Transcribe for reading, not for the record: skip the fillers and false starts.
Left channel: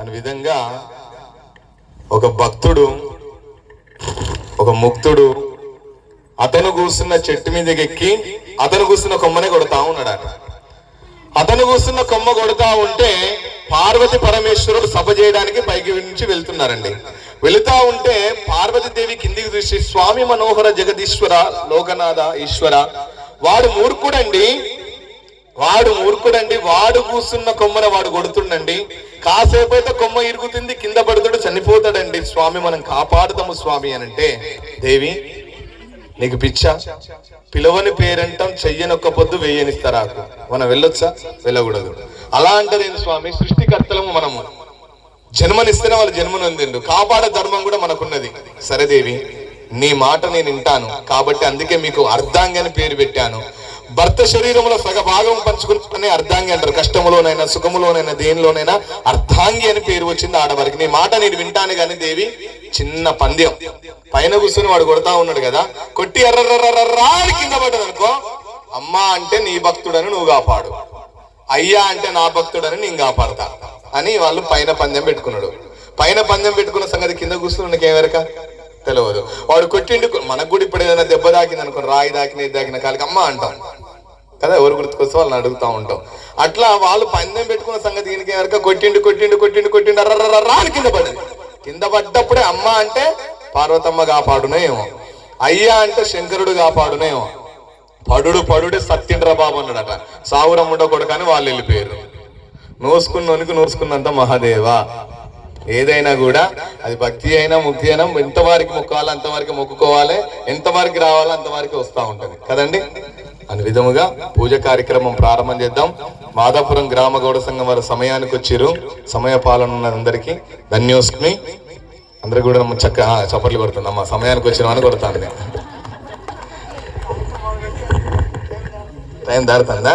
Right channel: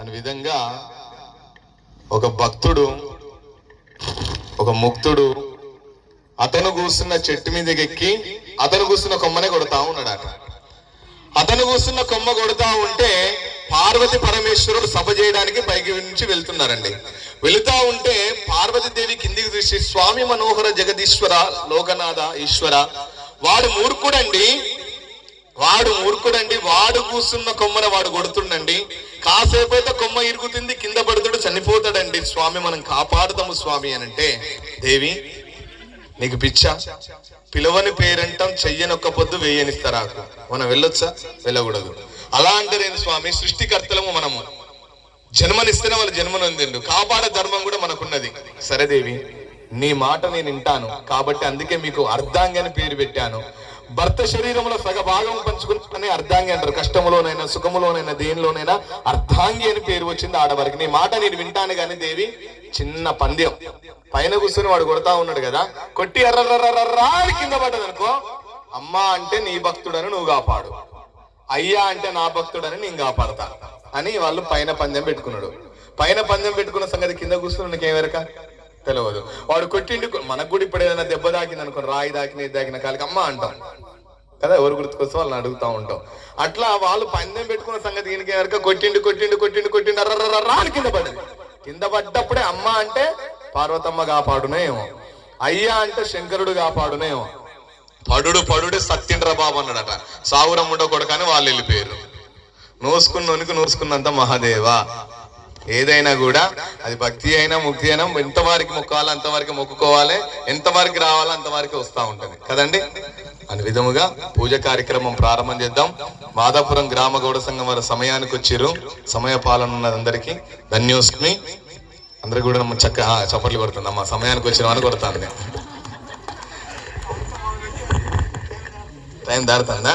అని విధంగా ఒక భక్తుడు, ఒక ముక్తుడు అతను కూర్చున్న చెట్టు మీదకి ఎక్కి అతను కూర్చున్న కొమ్మనే కొడతా ఉన్నాడట. అతను కూర్చున్న కొమ్మ కొడతా ఉంటే పార్వతి పరమేశ్వరుడు సభ చేయడానికి పైకి నుంచి వెళ్తున్నారండి. వెళుతా ఉంటే పార్వతీదేవి కిందికి చూసి, స్వామి మనోహర జగదీశ్వర లోకనాథ ఈశ్వర, వాడు మూర్ఖుడండి, వాడు కూర్చున్న కొమ్మన వాడు కొడుతుండండి, కాసేపు అయితే కొమ్మ ఇరుగుతుంది, కింద పడుతాడు, చనిపోతాడండి, స్వామి మనం కాపాడుతాము స్వామి అని అంటే, దేవి నీకు పిచ్చా, పిలవని పేరంటాం, చెయ్యనొక్క పొద్దు వేయనిస్తారాకు, మనం వెళ్ళొచ్చా? వెళ్ళకూడదు. అలా అంటారు స్వామి, సృష్టికర్తలము మనము, జన్మనిస్తేనే వాళ్ళు జన్మనందిండు, కాపాడ ధర్మం కూడా మనకున్నది. సరే దేవి, నీ మాట నేను వింటాను కాబట్టి అందుకే మీకు అర్ధాంగి అని పేరు పెట్టాను. భర్త శరీరంలో సగ భాగం పంచుకుని అర్ధాంగి అంటారు. కష్టములోనైనా సుఖములోనైనా దేనిలోనైనా అర్ధాంగి అని పేరు వచ్చింది ఆడవారికి. నీ మాట నేను వింటాను కానీ దేవి, చిన్న పంద్యం, పైన కూర్చుని వాడు కొడతా ఉన్నాడు కదా, కొట్టి ఎర్రర్రర్రా కింద పడ్డది అనుకో, అమ్మా అంటే నీ భక్తుడని నువ్వు కాపాడు, అయ్యా అంటే నా భక్తుడని నేను కాపాడతా అని వాళ్ళు పైన పందెం పెట్టుకున్నాడు. పైన పందెం పెట్టుకున్న సంగతి కింద కూర్చుని ఏమెరక తెలియదు. వాడు కొట్టిండు, మనకు కూడా ఇప్పుడు ఏదైనా దెబ్బ దాకింది అనుకో, రాయి దాకిన ఇది దాకిన కాలికి అమ్మ అంటాం కదా, ఎవరు గుర్తుకొస్తే వాళ్ళని అడుగుతూ ఉంటాం. అట్లా వాళ్ళు పందెం పెట్టుకున్న సంగతి ఈయనకి ఎవరిక కొట్టిండు అర్రర్రర్రా కింద పడింది. కింద పడ్డప్పుడే అమ్మ అంటే పార్వతమ్మ కాపాడునేమో, అయ్యా అంటే శంకరుడు కాపాడునేమో. పడుడే సత్యండ్ర బాబు అన్నాడట, సావురమ్ముండో కొడుకని వాళ్ళు వెళ్ళిపోయారు. నోసుకున్నోనికి నోసుకున్నంత మహాదేవా. ఏదైనా కూడా అది భక్తి అయినా ముక్తి అయినా ఎంతవారికి మొక్కాలి అంతవరకు మొక్కుకోవాలి, ఎంతవరకు రావాలో అంతవరకు వస్తూ ఉంటుంది కదండి. అని విధముగా పూజ కార్యక్రమం ప్రారంభం చేద్దాం. మాదాపురం గ్రామ గౌడ సంఘం వారి సమయానికి వచ్చిర్రు. సమయ పాలన ఉన్నదందరికీ ధన్యోస్మి. అందరు కూడా చక్క చప్పట్లు కొడుతుందమ్మా, సమయానికి వచ్చిన అని కొడతాను. టైం దాడుతుందా?